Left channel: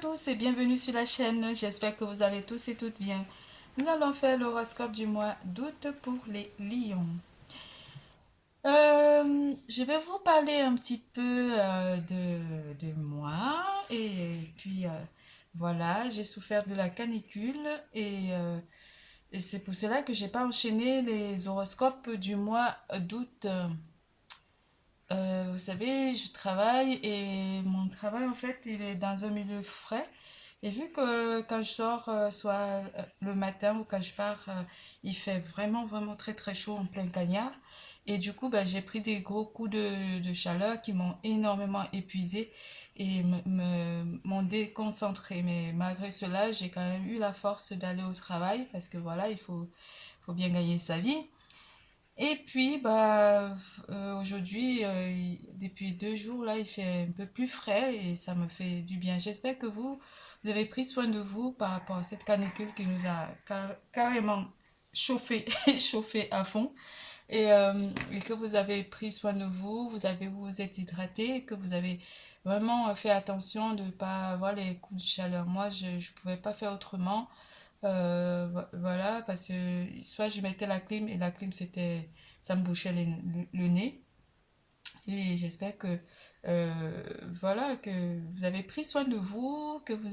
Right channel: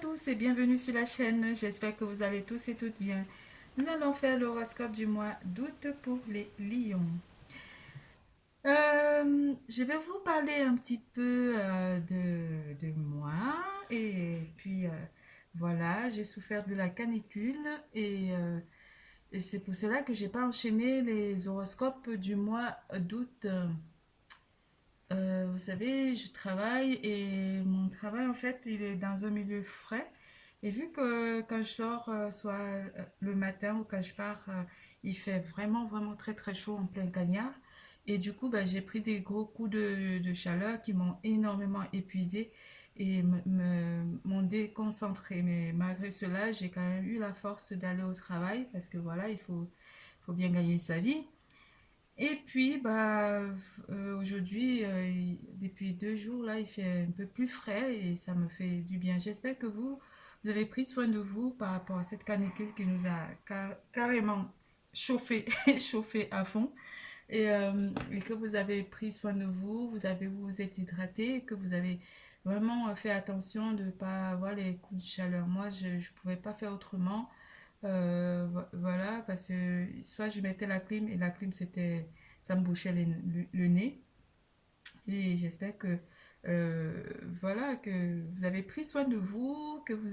tous et bienvenue sur la chaîne, j'espère que vous allez tous et toutes bien. Nous allons faire l'horoscope du mois d'août pour les lions. Je vais vous parler un petit peu de moi et puis voilà, j'ai souffert de la canicule et c'est pour cela que j'ai pas enchaîné les horoscopes du mois d'août. Vous savez, je travaille et mon travail en fait, il est dans un milieu frais. Et vu que quand je sors, soit le matin ou quand je pars, il fait vraiment très très chaud en plein cagnard. Et du coup, bah, j'ai pris des gros coups de chaleur qui m'ont énormément épuisée et m'ont déconcentré. Mais malgré cela, j'ai quand même eu la force d'aller au travail parce que voilà, faut bien gagner sa vie. Et puis, bah, aujourd'hui, depuis 2 jours, là, il fait un peu plus frais et ça me fait du bien. J'espère que vous avez pris soin de vous par rapport à cette canicule qui nous a carrément chauffé, chauffé à fond. Et que vous avez pris soin de vous, vous vous êtes hydraté, et que vous avez vraiment fait attention de ne pas avoir les coups de chaleur. Moi, je ne pouvais pas faire autrement. Voilà, parce que soit je mettais la clim et la clim ça me bouchait le nez. Et j'espère que voilà, que vous avez pris soin de vous, que vous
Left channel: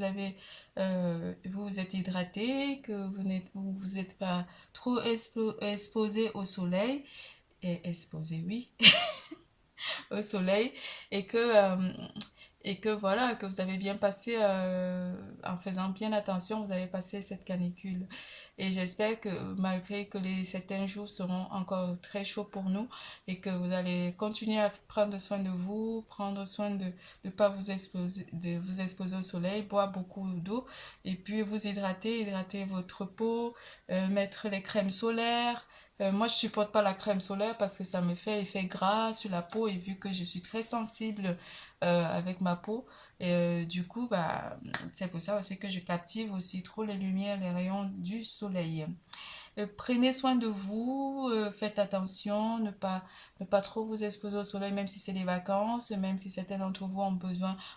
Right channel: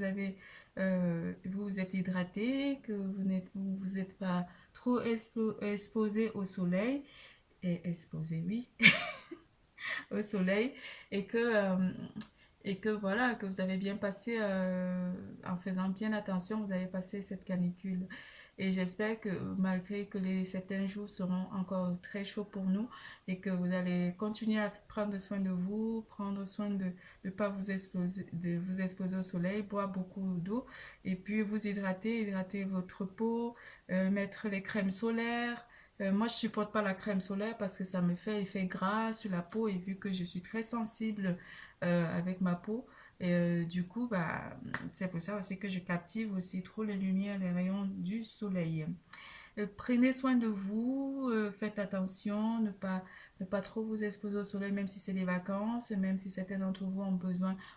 vous êtes hydraté, que vous êtes pas trop exposé au soleil. Et exposé, oui, au soleil. Et que voilà, que vous avez bien passé, en faisant bien attention, vous avez passé cette canicule. Et j'espère que malgré que certains jours seront encore très chauds pour nous et que vous allez continuer à prendre soin de vous, prendre soin de ne pas vous exposer au soleil, boire beaucoup d'eau et puis vous hydrater votre peau, mettre les crèmes solaires. Moi, je supporte pas la crème solaire parce que ça me fait effet gras sur la peau et vu que je suis très sensible avec ma peau, du coup, bah, c'est pour ça aussi que je captive aussi trop les lumières, les rayons du soleil. Prenez soin de vous, faites attention, ne pas trop vous exposer au soleil, même si c'est les vacances, même si certains d'entre vous ont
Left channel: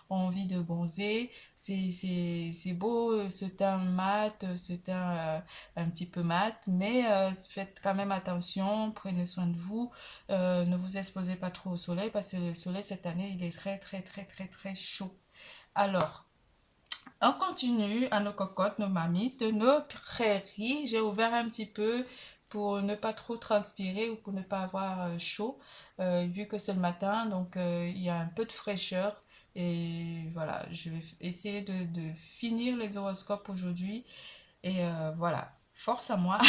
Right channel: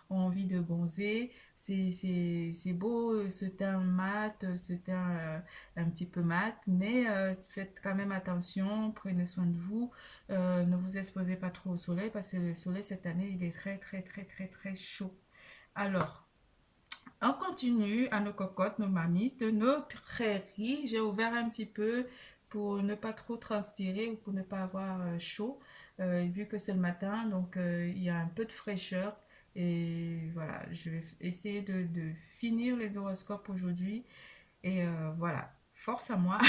envie de bronzer. C'est beau, ce teint mat, ce teint un petit peu mat, mais faites quand même attention, prenez soin de vous, ne vous exposez pas trop au soleil parce que le soleil cette année, il est très chaud. Alors, on continue à nos cocottes, nos mamites, nos prairies. J'ai ouvert un petit peu pour ne pas trop transpirer ou pour ne pas avoir chaud, vu que c'est le matin, donc il y a un peu de fraîcheur. Et voilà, je vais essayer de finir les horoscopes aujourd'hui. Et voilà, force à moi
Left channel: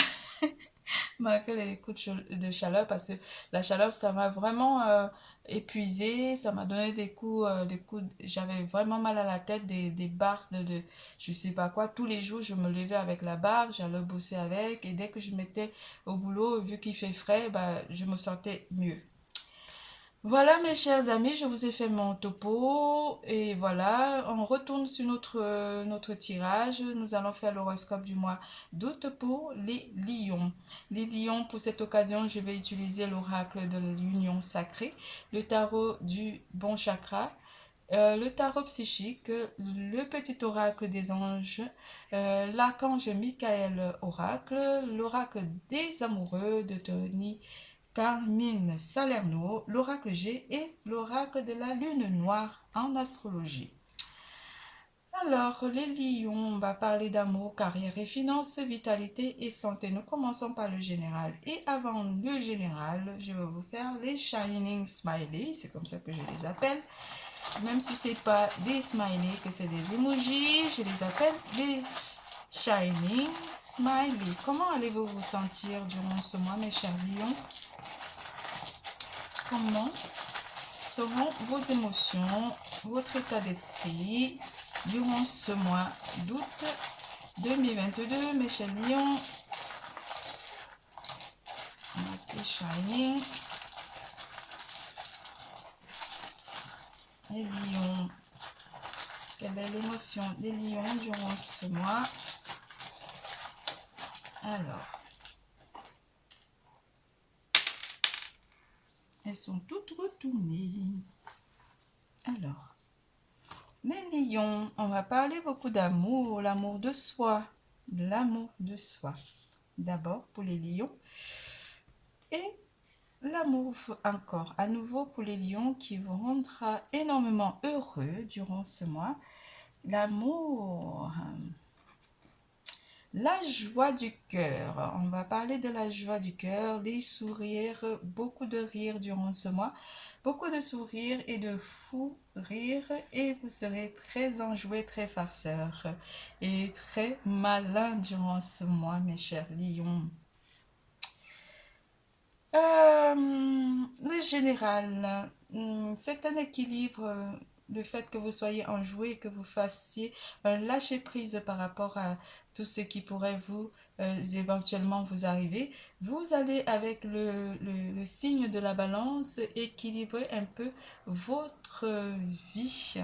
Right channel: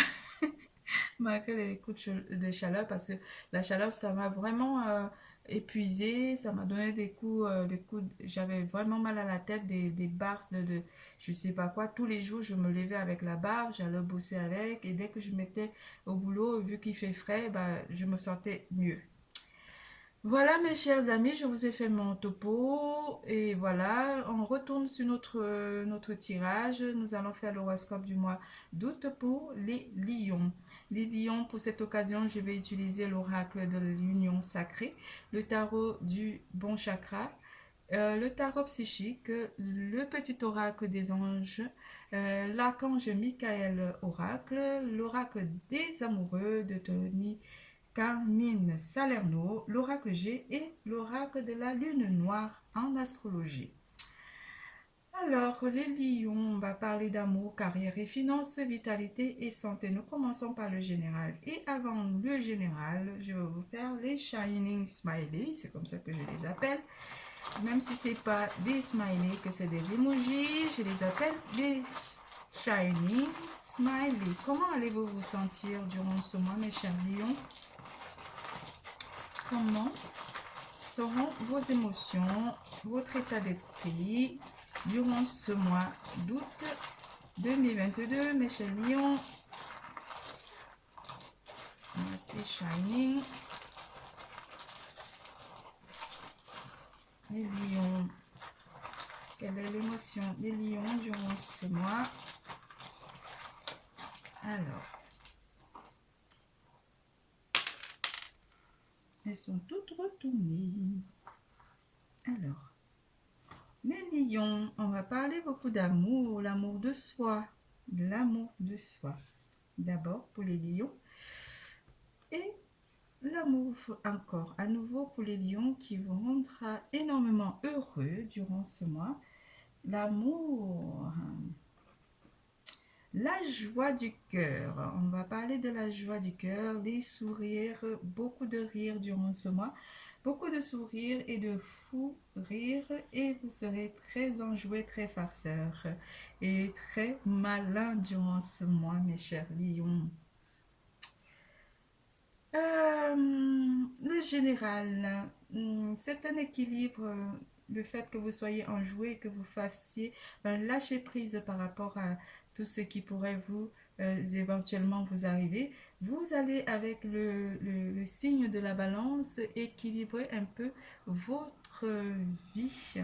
malgré les coups de chaleur, parce que la chaleur, ça m'a vraiment épuisée, ça m'a donné j'avais vraiment mal à la tête, des barres je sais pas quoi. Tous les jours, je me levais avec la barre, j'allais bosser avec, et dès que je mettais au boulot, vu qu'il fait frais, bah, je me sentais mieux. Voilà mes chers amis, je vous ai fait mon topo et voilà, on retourne sur notre tirage. Nous allons faire l'horoscope du mois d'août pour les lions. Les lions, pour cette occasion, je vais utiliser l'oracle de l'union sacrée, le tarot du bon chakra, le tarot psychique, le petit oracle des anges, l'archange Michael oracle, l'oracle des amoureux de Tony Carmine Salerno, l'oracle G et l'oracle de la lune noire en astrologie. Alors, les lions, on va parler d'amour, carrière et finances, vitalité et santé. Nous commençons par le général. Et avant le général, je vais vous faire les Shining Smiley, c'est comme ça que je les appelle. Même si ce n'est pas des smileys, que c'est des emojis, je les appelle des Shining Smiley. Comment allez-vous vous sentir durant ce mois, mes chers lions? Comment seront vos émotions, votre état d'esprit durant ce mois d'août 2022, mes chers lions? Master Shining. Les lions. Quelle est l'émotion des lions durant ce mois? Alors, elles sont toutes retournées. Alors, Les lions, on va parler beaucoup d'amour, l'amour de soi. L'amour de soi. D'abord pour les lions. Et l'amour encore, à nouveau pour les lions qui vous rendra énormément heureux durant ce mois. L'amour, la joie du cœur. On va parler de la joie du cœur, des sourires, beaucoup de rires durant ce mois. Beaucoup de sourires et de fous rires et vous serez très enjoués, très farceurs et très malins durant ce mois, mes chers lions. Le général, c'est un équilibre, le fait que vous soyez enjoué et que vous fassiez un lâcher-prise par rapport à tout ce qui pourrait vous éventuellement vous arriver. Vous allez avec le signe de la balance équilibrer un peu votre vie.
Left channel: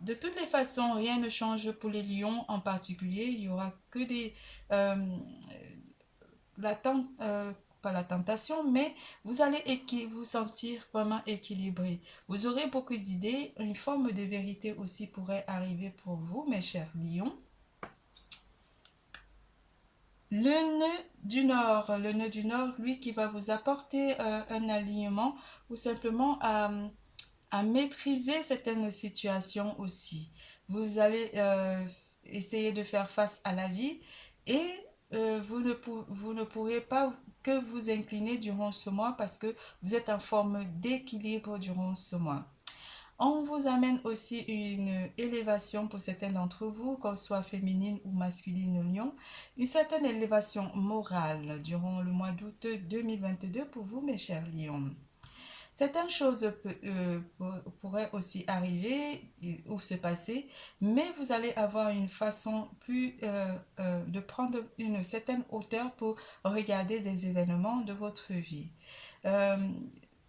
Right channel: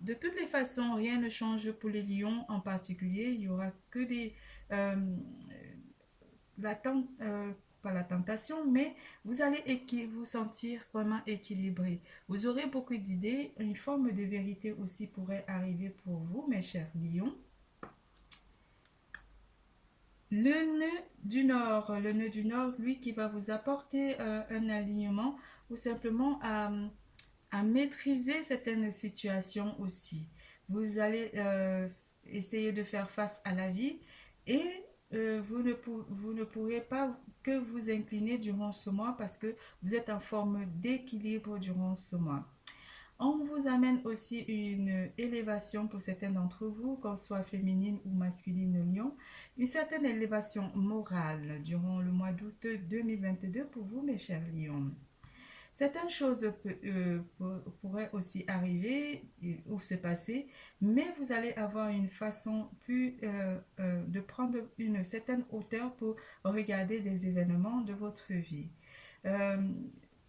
De toutes les façons, rien ne change pour les lions en particulier. Il y aura que des... pas la tentation, mais vous allez vous sentir vraiment équilibré. Vous aurez beaucoup d'idées, une forme de vérité aussi pourrait arriver pour vous, mes chers lions. Le nœud du nord, lui qui va vous apporter un alignement ou simplement à maîtriser certaines situations aussi. Vous allez essayer de faire face à la vie et vous ne pourrez pas que vous incliner durant ce mois parce que vous êtes en forme d'équilibre durant ce mois. On vous amène aussi une élévation pour certains d'entre vous, qu'on soit féminine ou masculine lion, une certaine élévation morale durant le mois d'août 2022 pour vous, mes chers lions. Certaines choses pourraient aussi arriver ou se passer, mais vous allez avoir une façon de prendre une certaine hauteur pour regarder des événements de votre vie.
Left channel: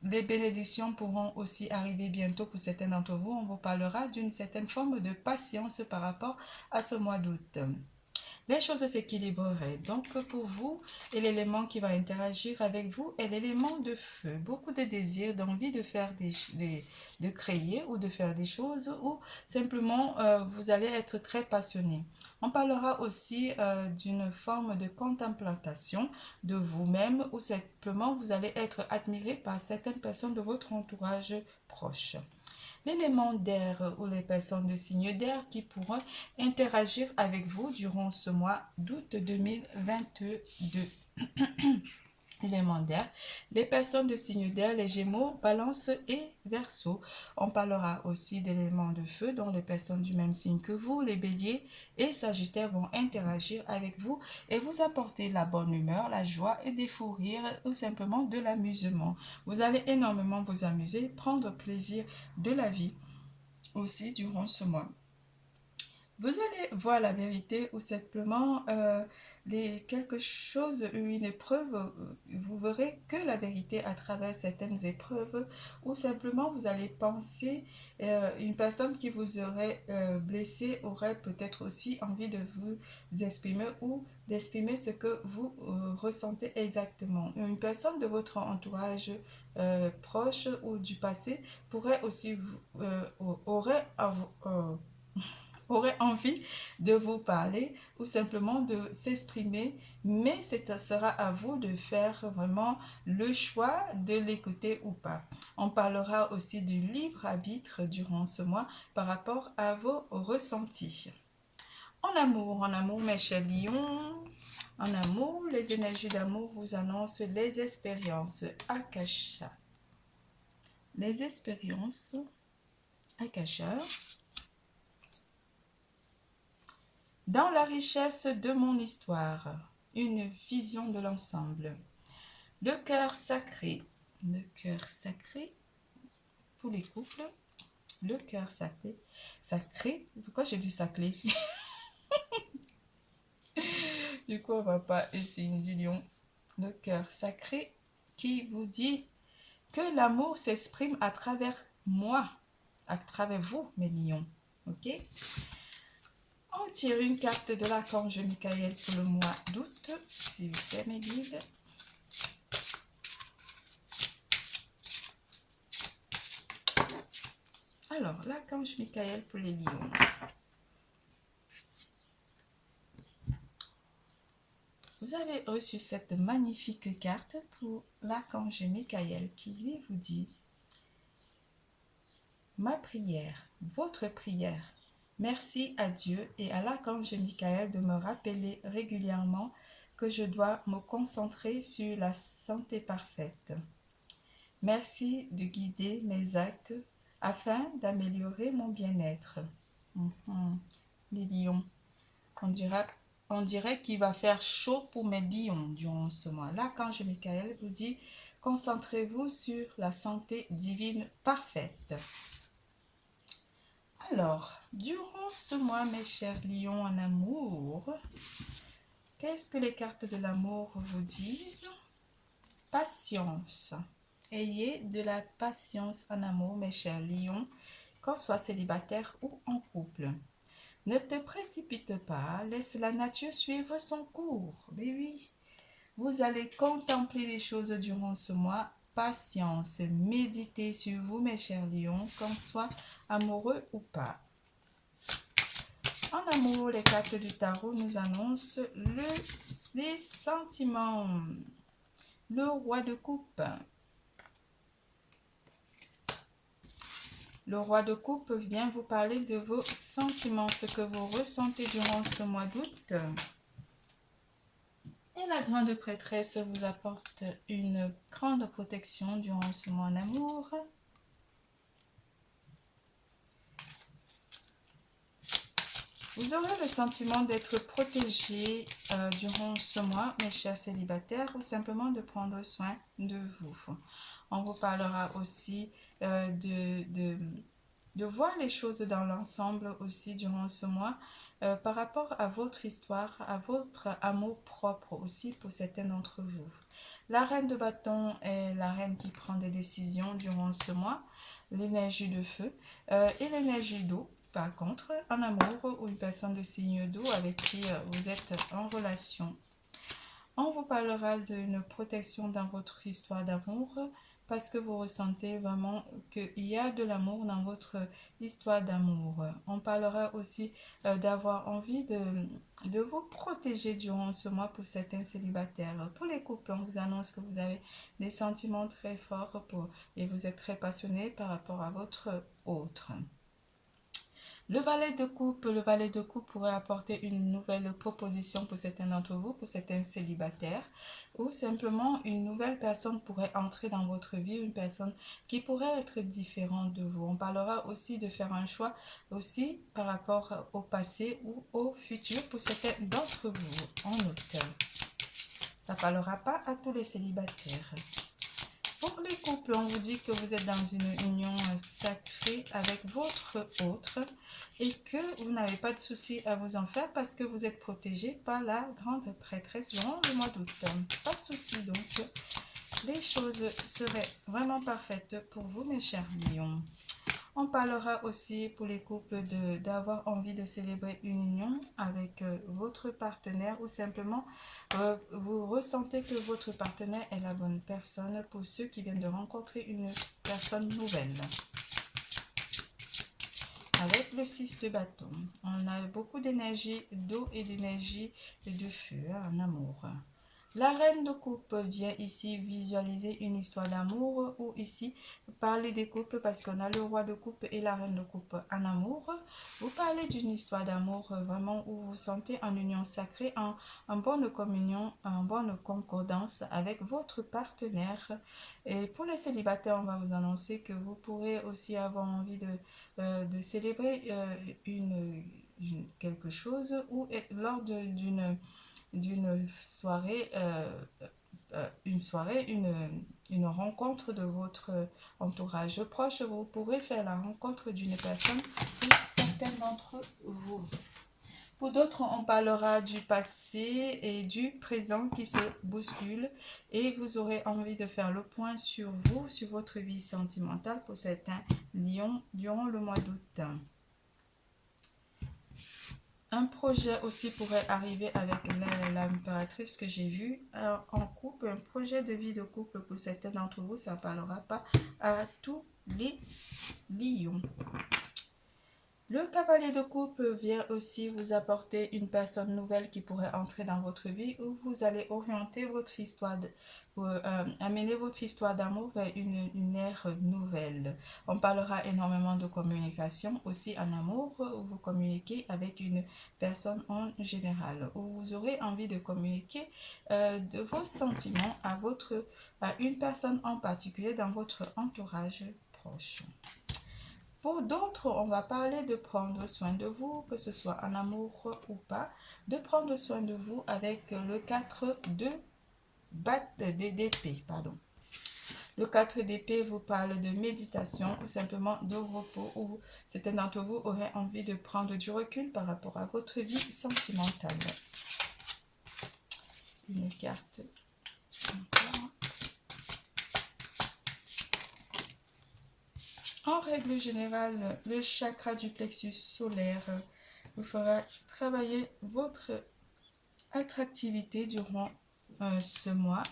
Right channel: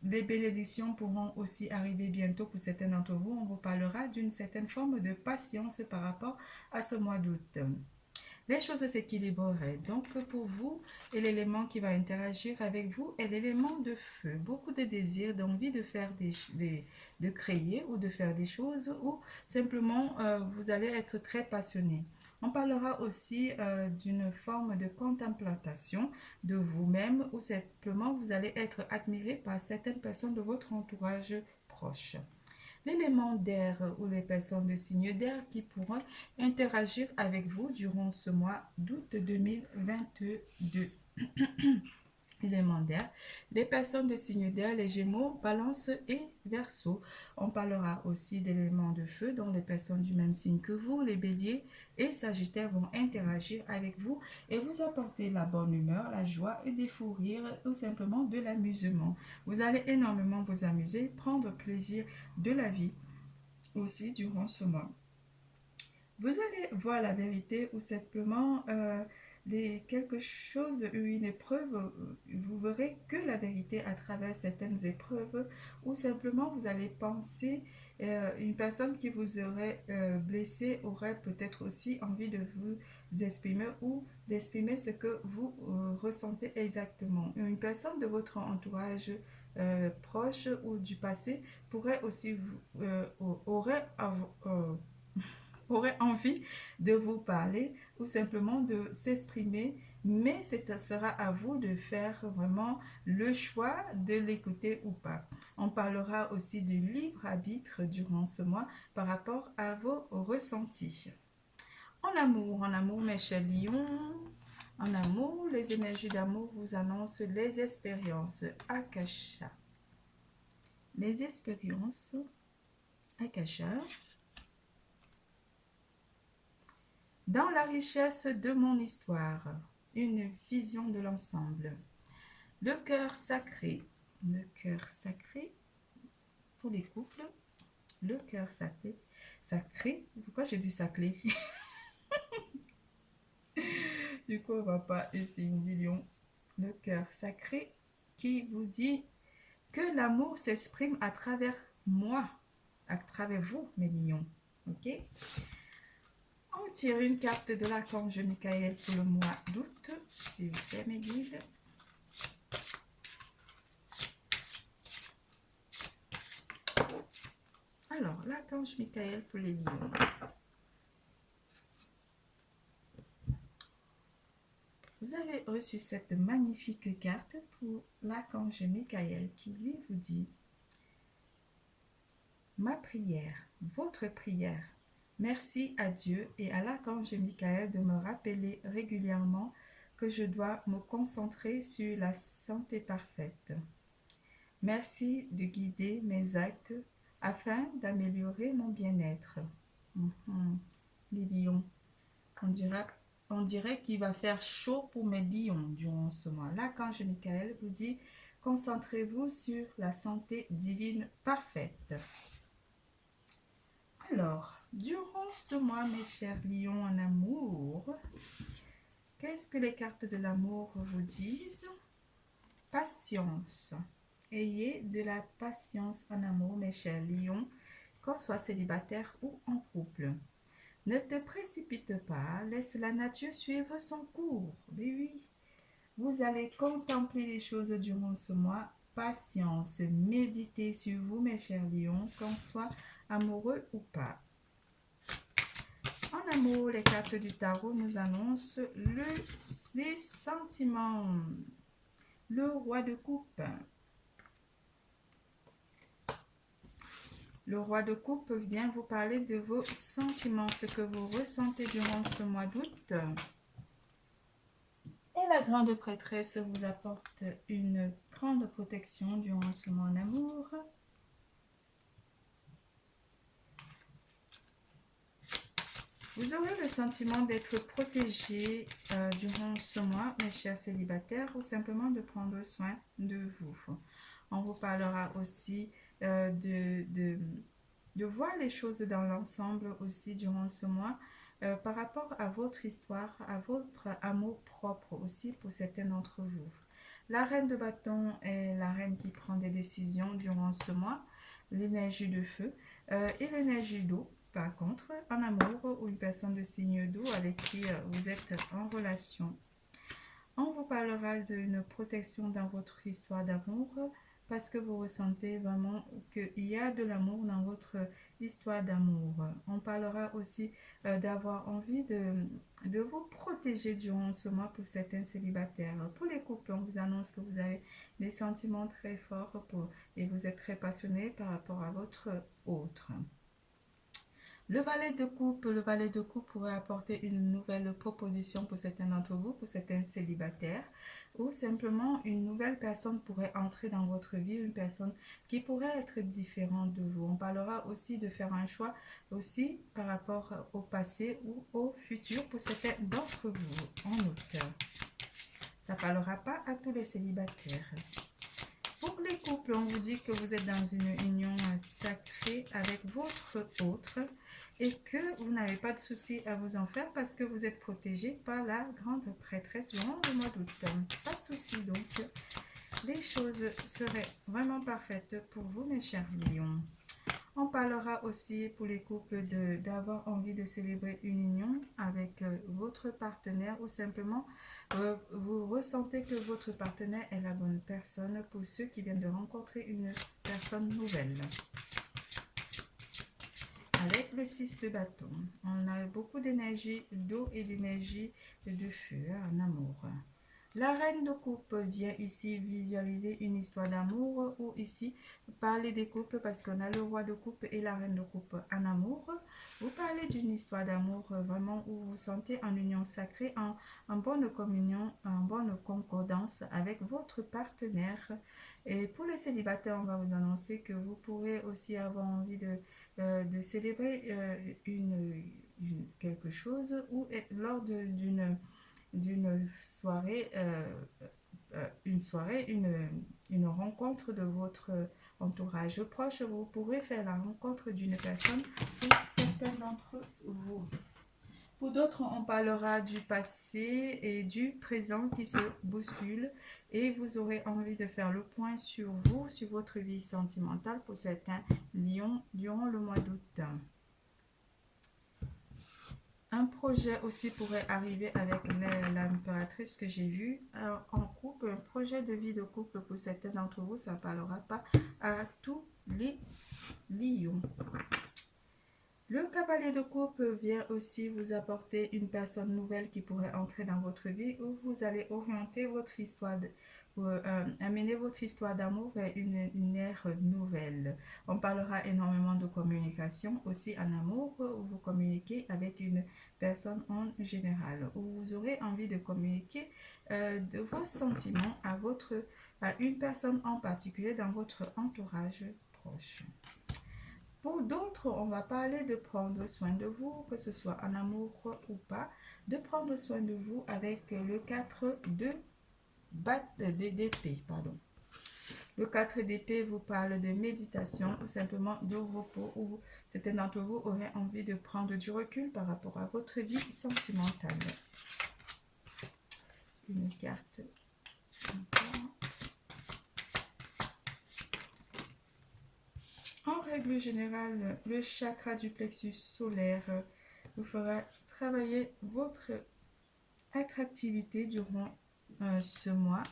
Les bénédictions pourront aussi arriver bientôt pour certains d'entre vous. On vous parlera d'une certaine forme de patience par rapport à ce mois d'août. Les choses s'équilibreraient. Donc pour vous, et l'élément qui va interagir avec vous est l'élément de feu. Beaucoup de désir, d'envie de faire de créer ou de faire des choses ou simplement vous allez être très passionné. On parlera aussi d'une forme de contemplation de vous-même ou simplement vous allez être admiré par certaines personnes de votre entourage proche. L'élément d'air ou les personnes de signe d'air qui pourront interagir avec vous durant ce mois d'août 2022. L'élément d'air, les personnes de signe d'air, les Gémeaux, Balance et Verseau. On parlera aussi d'éléments de feu dont les personnes du même signe que vous, les Béliers et Sagittaires vont interagir avec vous et vous apporter la bonne humeur, la joie et des fous rires ou simplement de l'amusement. Vous allez énormément vous amuser, prendre plaisir de la vie aussi durant ce mois. Vous allez voir la vérité ou simplement quelque chose, une épreuve, vous verrez que la vérité à travers certaines épreuves ou simplement vous allez penser, une personne qui vous aurait blessé aurait peut-être aussi envie de vous exprimer ou d'exprimer ce que vous ressentez exactement. Une personne de votre entourage proche ou du passé pourrait aussi aurait envie de vous parler ou simplement de s'exprimer, mais ce sera à vous de faire vraiment le choix de l'écouter ou pas. On parlera aussi du libre arbitre durant ce mois par rapport à vos ressentis. En amour, mes chers lions, en amour, les énergies d'amour vous annoncent les expériences Akasha. Les expériences Akasha. Dans la richesse de mon histoire, une vision de l'ensemble. Le cœur sacré pour les couples. Le cœur sacré, pourquoi j'ai dit sacré? Du coup, on va pas essayer du lion. Le cœur sacré qui vous dit que l'amour s'exprime à travers moi, à travers vous, mes lions. Ok? On tire une carte de l'archange Michael pour le mois d'août, s'il vous plaît, mes guides. Alors, l'archange Michael pour les lions. Vous avez reçu cette magnifique carte pour l'archange Michael qui lui vous dit: ma prière, votre prière. Merci à Dieu et à l'archange Michael de me rappeler régulièrement que je dois me concentrer sur la santé parfaite. Merci de guider mes actes afin d'améliorer mon bien-être. Les lions. On dirait qu'il va faire chaud pour mes lions durant ce mois. L'archange Michael vous dit: concentrez-vous sur la santé divine parfaite. Alors, durant ce mois, mes chers lions en amour, qu'est-ce que les cartes de l'amour vous disent? Patience. Ayez de la patience en amour, mes chers lions, qu'on soit célibataire ou en couple. Ne te précipite pas, laisse la nature suivre son cours. Mais oui, vous allez contempler les choses durant ce mois. Patience, méditez sur vous, mes chers lions, qu'on soit amoureux ou pas. En amour, les cartes du tarot nous annoncent les sentiments. Le roi de coupe. Le roi de coupe vient vous parler de vos sentiments, ce que vous ressentez durant ce mois d'août. Et la grande prêtresse vous apporte une grande protection durant ce mois en amour. Vous aurez le sentiment d'être protégé durant ce mois, mes chers célibataires, ou simplement de prendre soin de vous. On vous parlera aussi de voir les choses dans l'ensemble aussi durant ce mois par rapport à votre histoire, à votre amour propre aussi pour certains d'entre vous. La reine de bâton est la reine qui prend des décisions durant ce mois, l'énergie de feu et l'énergie d'eau. Par contre, en amour ou une personne de signe d'eau avec qui vous êtes en relation. On vous parlera d'une protection dans votre histoire d'amour parce que vous ressentez vraiment qu'il y a de l'amour dans votre histoire d'amour. On parlera aussi d'avoir envie de vous protéger durant ce mois pour certains célibataires. Pour les couples, on vous annonce que vous avez des sentiments très forts et vous êtes très passionné par rapport à votre autre. Le valet de coupe pourrait apporter une nouvelle proposition pour certains d'entre vous, pour certains célibataires, ou simplement une nouvelle personne pourrait entrer dans votre vie, une personne qui pourrait être différente de vous. On parlera aussi de faire un choix aussi par rapport au passé ou au futur pour certains d'entre vous en août. Ça ne parlera pas à tous les célibataires. Pour les couples, on vous dit que vous êtes dans une union sacrée avec votre autre et que vous n'avez pas de soucis à vous en faire parce que vous êtes protégé par la grande prêtresse durant le mois d'août. Pas de soucis, donc les choses seraient vraiment parfaites pour vous, mes chers lions. On parlera aussi pour les couples d'avoir envie de célébrer une union avec votre partenaire ou simplement vous ressentez que votre partenaire est la bonne personne pour ceux qui viennent de rencontrer une personne nouvelle. Avec le 6 de bâton, on a beaucoup d'énergie d'eau et d'énergie de feu en amour. La reine de coupe vient ici visualiser une histoire d'amour ou ici parler des couples parce qu'on a le roi de coupe et la reine de coupe en amour. Vous parlez d'une histoire d'amour vraiment où vous vous sentez en union sacrée, en bonne communion, en bonne concordance avec votre partenaire. Et pour les célibataires, on va vous annoncer que vous pourrez aussi avoir envie de célébrer quelque chose ou lors d'une soirée, une rencontre de votre entourage proche. Vous pourrez faire la rencontre d'une personne pour certains d'entre vous. Pour d'autres, on parlera du passé et du présent qui se bousculent et vous aurez envie de faire le point sur vous, sur votre vie sentimentale pour certains lions durant le mois d'août. Un projet aussi pourrait arriver avec l'impératrice que j'ai vue en couple, un projet de vie de couple pour certains d'entre vous, ça ne parlera pas à tous les lions. Le cavalier de coupe vient aussi vous apporter une personne nouvelle qui pourrait entrer dans votre vie, où vous allez orienter votre histoire, amener votre histoire d'amour vers une ère nouvelle. On parlera énormément de communication aussi en amour, où vous communiquez avec une personne en général, où vous aurez envie de communiquer de vos sentiments à une personne en particulier dans votre entourage proche. Pour d'autres, on va parler de prendre soin de vous, que ce soit en amour ou pas, de prendre soin de vous avec le 4 d'épée. Le 4 d'épée vous parle de méditation ou simplement de repos, où certains d'entre vous auraient envie de prendre du recul par rapport à votre vie sentimentale. Une carte encore. En règle générale, le chakra du plexus solaire vous fera travailler votre attractivité durant ce mois.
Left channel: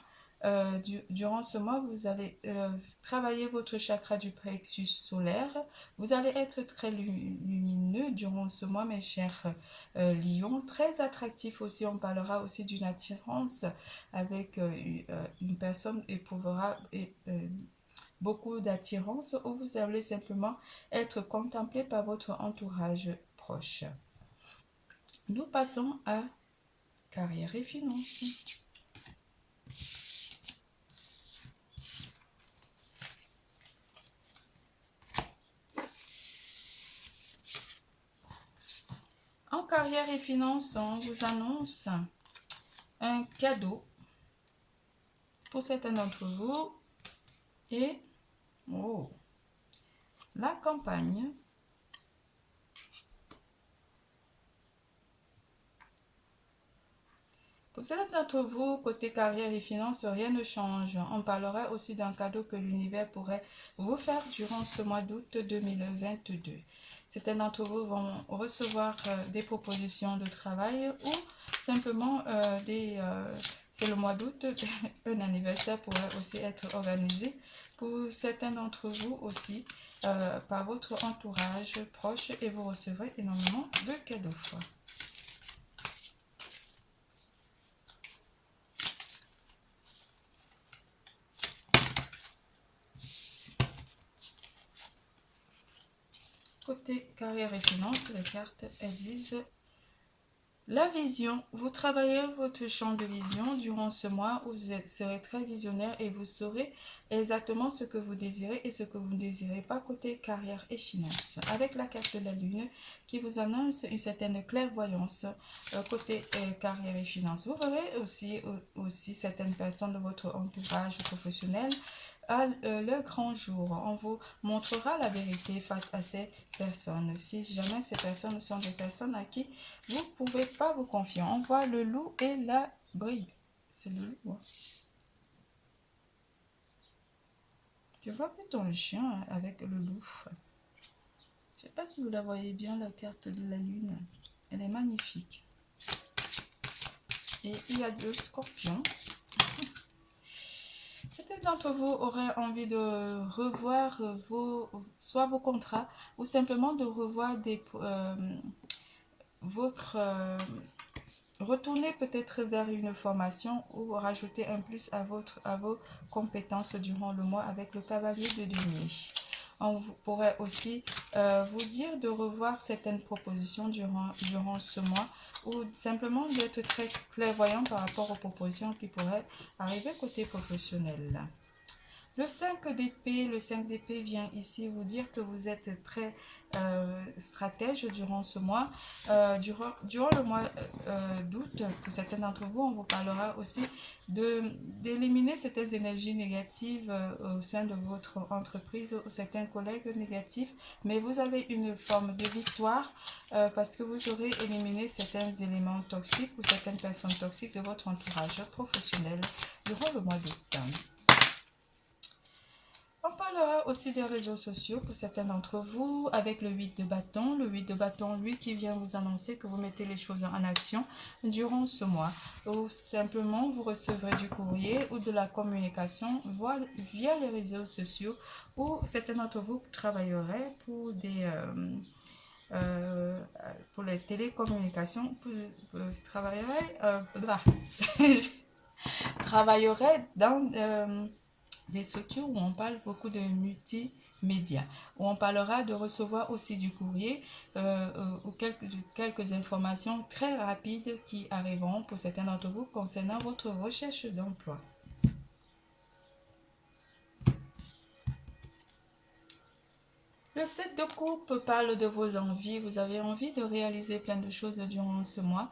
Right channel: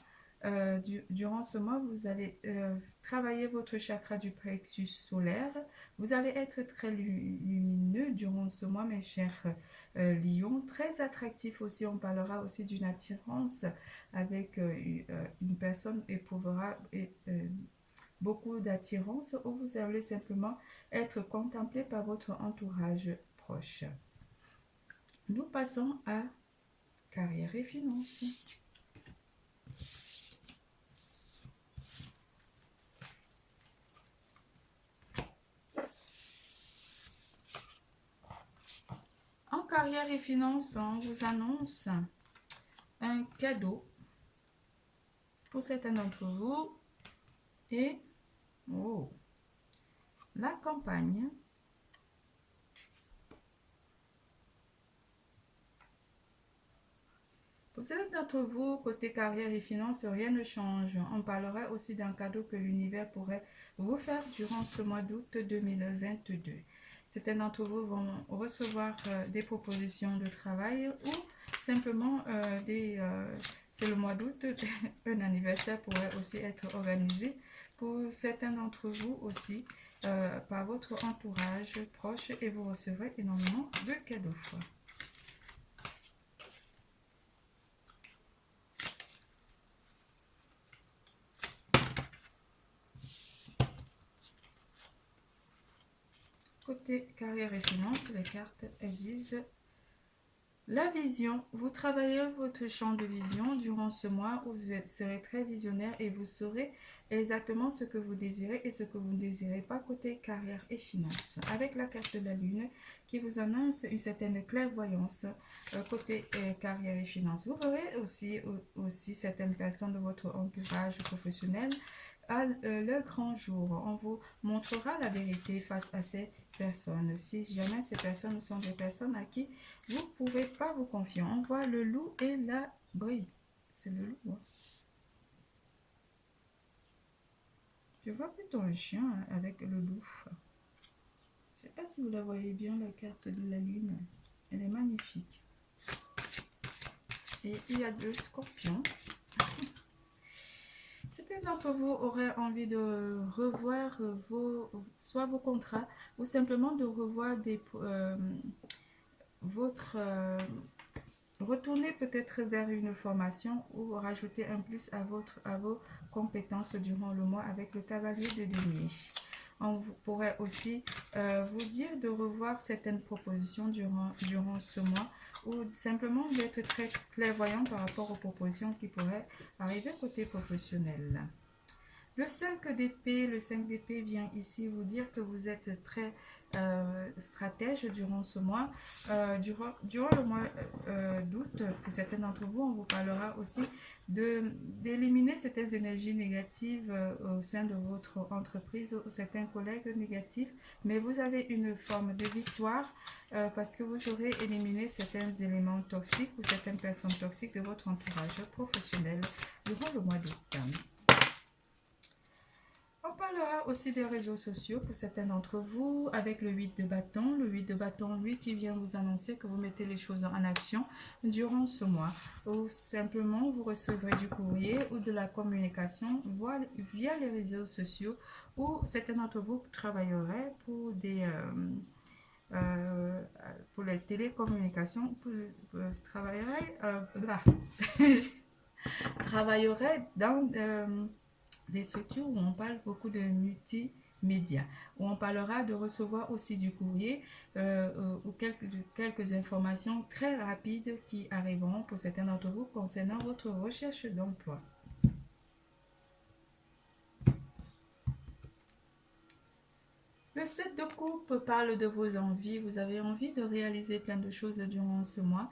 Durant ce mois, vous allez travailler votre chakra du plexus solaire. Vous allez être très lumineux durant ce mois, mes chers lions. Très attractif aussi. On parlera aussi d'une attirance avec une personne éprouvera beaucoup d'attirance, où vous allez simplement être contemplé par votre entourage proche. Nous passons à carrière et finances. En carrière et finances, on vous annonce un cadeau pour certains d'entre vous et la campagne. Pour certains d'entre vous, côté carrière et finances, rien ne change. On parlera aussi d'un cadeau que l'univers pourrait vous faire durant ce mois d'août 2022. Certains d'entre vous vont recevoir des propositions de travail ou simplement c'est le mois d'août, un anniversaire pourrait aussi être organisé pour certains d'entre vous aussi par votre entourage proche, et vous recevrez énormément de cadeaux. Côté carrière et finances, les cartes, elles disent la vision. Vous travaillez votre champ de vision durant ce mois où vous serez très visionnaire et vous saurez exactement ce que vous désirez et ce que vous ne désirez pas côté carrière et finances. Avec la carte de la lune qui vous annonce une certaine clairvoyance côté carrière et finances. Vous verrez aussi certaines personnes de votre entourage professionnel à le grand jour. On vous montrera la vérité face à ces personnes. Si jamais ces personnes sont des personnes à qui vous ne pouvez pas vous confier. On voit le loup et la brebis. C'est le loup. Hein? Je vois plutôt un chien avec le loup. Je ne sais pas si vous la voyez bien, la carte de la lune. Elle est magnifique. Et il y a 2 scorpions. Certains d'entre vous auraient envie de revoir soit vos contrats ou simplement de revoir retourner peut-être vers une formation ou rajouter un plus à vos compétences durant le mois avec le cavalier de denier. On pourrait aussi vous dire de revoir certaines propositions durant ce mois, ou simplement d'être très clairvoyant par rapport aux propositions qui pourraient arriver côté professionnel. Le 5 d'épée vient ici vous dire que vous êtes très stratège durant ce mois. Durant le mois d'août, pour certains d'entre vous, on vous parlera aussi d'éliminer certaines énergies négatives au sein de votre entreprise ou certains collègues négatifs. Mais vous avez une forme de victoire parce que vous aurez éliminé certains éléments toxiques ou certaines personnes toxiques de votre entourage professionnel durant le mois d'août. On parlera aussi des réseaux sociaux pour certains d'entre vous avec le 8 de bâton. Le 8 de bâton, lui, qui vient vous annoncer que vous mettez les choses en action durant ce mois. Ou simplement, vous recevrez du courrier ou de la communication via les réseaux sociaux, ou certains d'entre vous travailleraient euh, pour les télécommunications, travaillerait dans des structures où on parle beaucoup de multimédia, où on parlera de recevoir aussi du courrier ou quelques informations très rapides qui arriveront pour certains d'entre vous concernant votre recherche d'emploi. Le 7 de coupe parle de vos envies. Vous avez envie de réaliser plein de choses durant ce mois.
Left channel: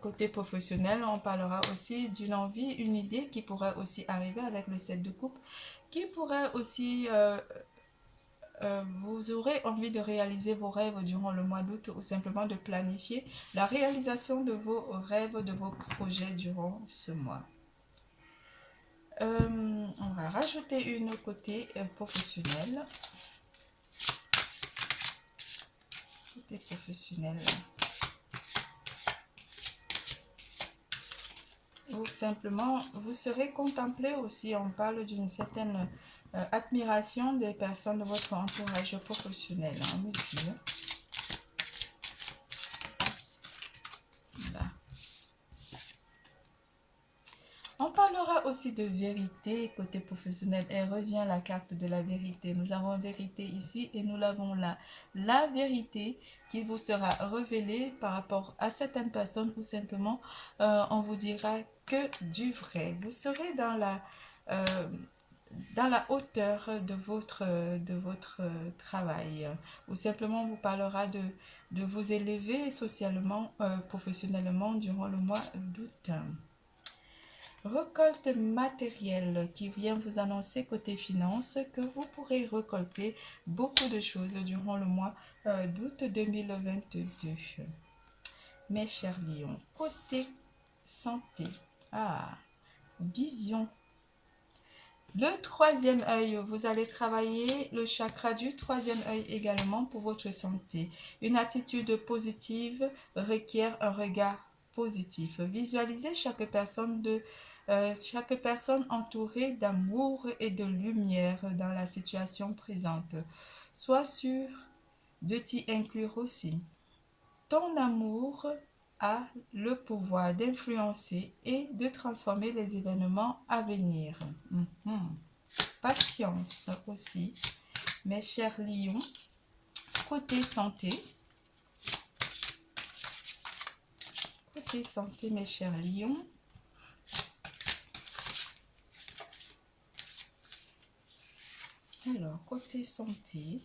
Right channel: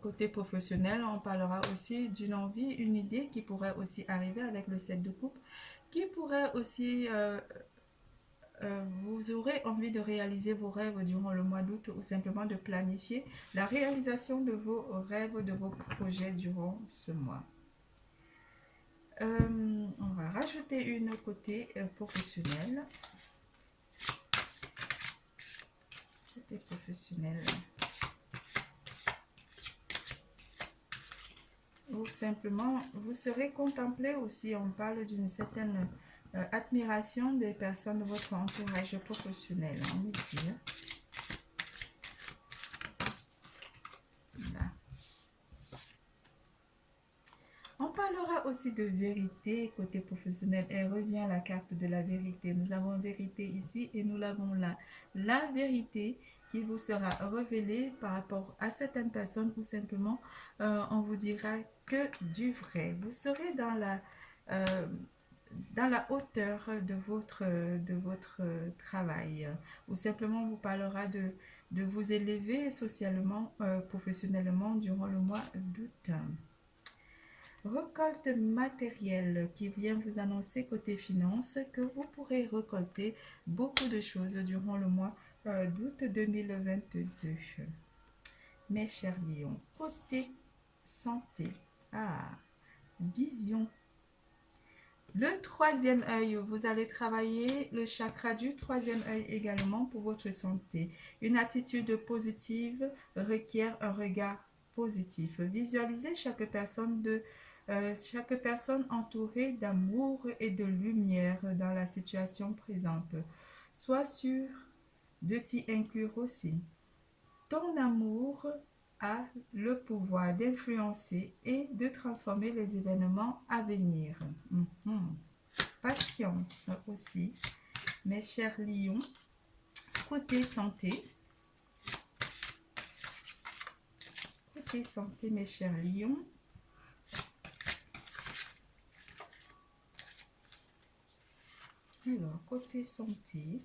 Côté professionnel, on parlera aussi d'une envie, une idée qui pourrait aussi arriver avec le 7 de coupe, qui pourrait aussi... vous aurez envie de réaliser vos rêves durant le mois d'août ou simplement de planifier la réalisation de vos rêves, de vos projets durant ce mois. On va rajouter une côté professionnel. Professionnel, ou simplement vous serez contemplé aussi. On parle d'une certaine admiration des personnes de votre entourage professionnel, on me dit. Voilà. On parlera aussi de vérité côté professionnel. Et revient la carte de la vérité. Nous avons vérité ici et nous l'avons là. La vérité qui vous sera révélée par rapport à certaines personnes, ou simplement on vous dira que du vrai. Vous serez dans la hauteur de votre travail, ou simplement vous parlera de vous élever socialement, professionnellement durant le mois d'août. Récolte matérielle qui vient vous annoncer côté finance que vous pourrez récolter beaucoup de choses durant le mois d'août 2022. Mes chers lions, côté santé, vision. Le troisième œil, vous allez travailler le chakra du troisième œil également pour votre santé. Une attitude positive requiert un regard positif. Visualisez chaque personne entourée d'amour et de lumière dans la situation présente. Sois sûr de t'y inclure aussi. Ton amour a le pouvoir d'influencer et de transformer les événements à venir. Patience aussi, mes chers lions. Côté santé, mes chers lions. Alors, côté santé,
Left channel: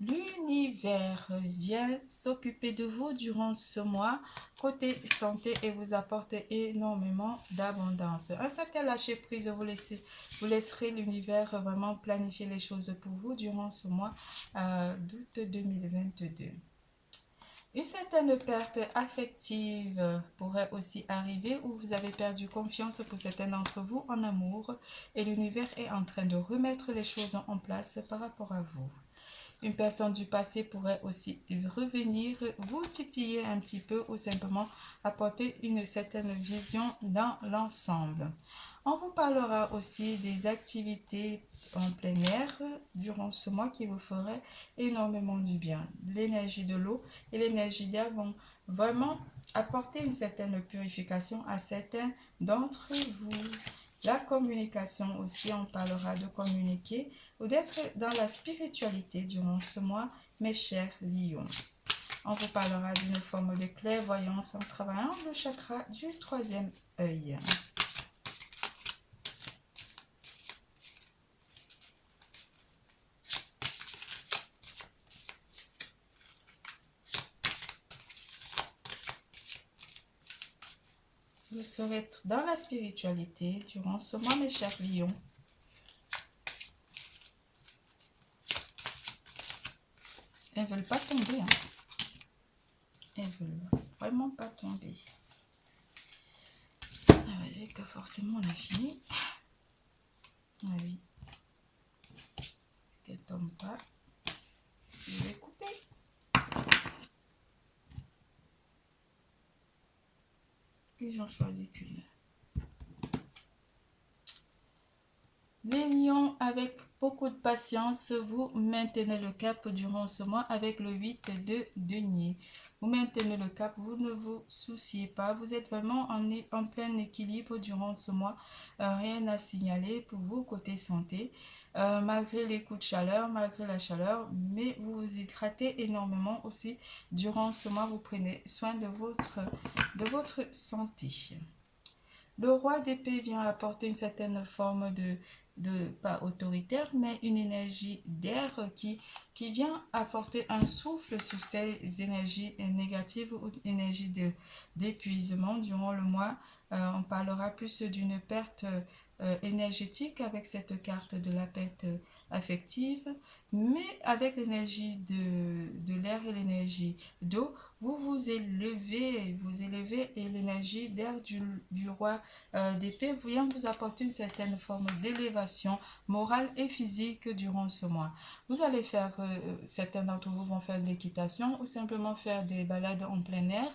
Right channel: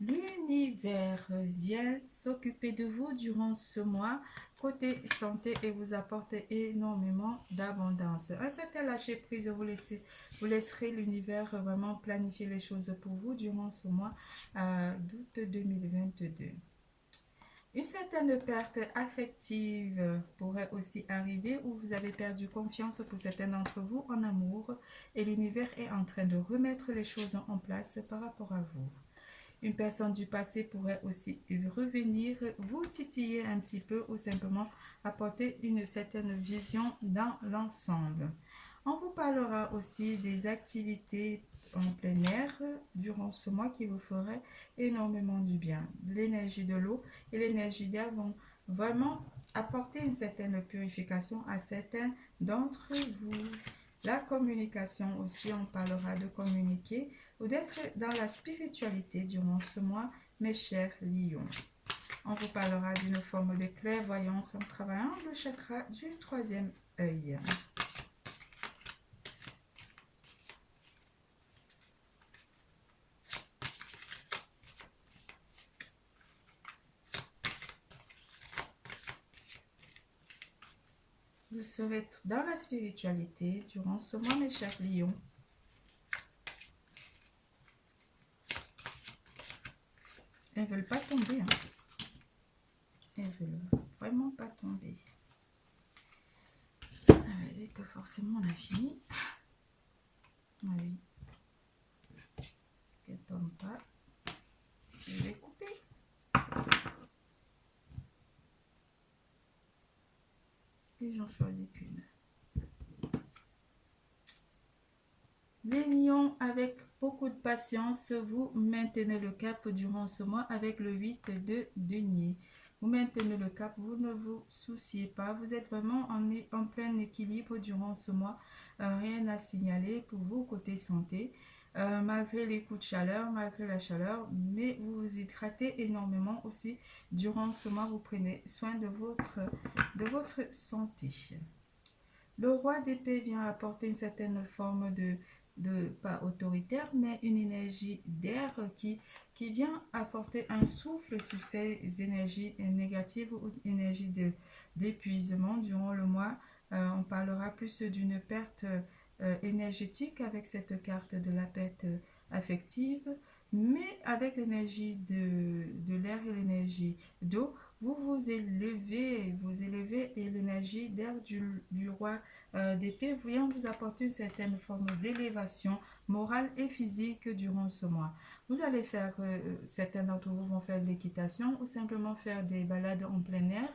l'univers vient s'occuper de vous durant ce mois côté santé et vous apporte énormément d'abondance. Un certain lâcher prise, vous laisserez l'univers vraiment planifier les choses pour vous durant ce mois d'août 2022. Une certaine perte affective pourrait aussi arriver, où vous avez perdu confiance pour certains d'entre vous en amour et l'univers est en train de remettre les choses en place par rapport à vous. Une personne du passé pourrait aussi revenir vous titiller un petit peu ou simplement apporter une certaine vision dans l'ensemble. On vous parlera aussi des activités en plein air durant ce mois qui vous feraient énormément du bien. L'énergie de l'eau et l'énergie d'air vont vraiment apporter une certaine purification à certains d'entre vous. La communication aussi, on parlera de communiquer ou d'être dans la spiritualité durant ce mois, mes chers lions. On vous parlera d'une forme de clairvoyance en travaillant le chakra du troisième œil. Vous serez dans la spiritualité durant ce mois, mes chers lions. Elles ne veulent pas tomber. Elles ne veulent vraiment pas tomber. dirait que forcément on a fini. Ah oui. Qu'elle tombe pas. Je vais couper. Et j'en choisis qu'une. Les lions, avec beaucoup de patience, vous maintenez le cap durant ce mois avec le 8 de denier. Vous maintenez le cap, vous ne vous souciez pas, vous êtes vraiment en plein équilibre durant ce mois. Rien à signaler pour vous côté santé. Malgré les coups de chaleur, malgré la chaleur, mais vous vous hydratez énormément aussi. Durant ce mois, vous prenez soin de votre santé. Le roi d'épée vient apporter une certaine forme pas autoritaire, mais une énergie d'air qui vient apporter un souffle sur ces énergies négatives ou énergies d'épuisement durant le mois. On parlera plus d'une perte énergétique avec cette carte de la perte affective, mais avec l'énergie de l'air et l'énergie d'eau, vous élevez et l'énergie d'air du roi d'épée vient vous apporter une certaine forme d'élévation morale et physique durant ce mois. Vous allez faire, certains d'entre vous vont faire de l'équitation ou simplement faire des balades en plein air.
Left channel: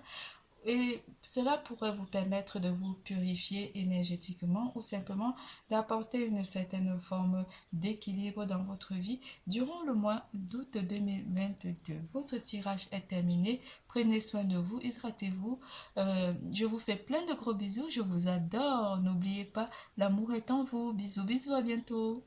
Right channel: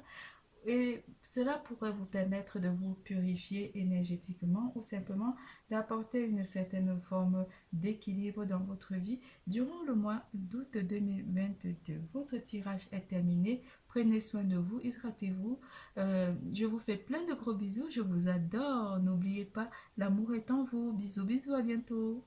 Et cela pourrait vous permettre de vous purifier énergétiquement ou simplement d'apporter une certaine forme d'équilibre dans votre vie durant le mois d'août 2022. Votre tirage est terminé. Prenez soin de vous, hydratez-vous. Je vous fais plein de gros bisous. Je vous adore. N'oubliez pas, l'amour est en vous. Bisous, bisous, à bientôt.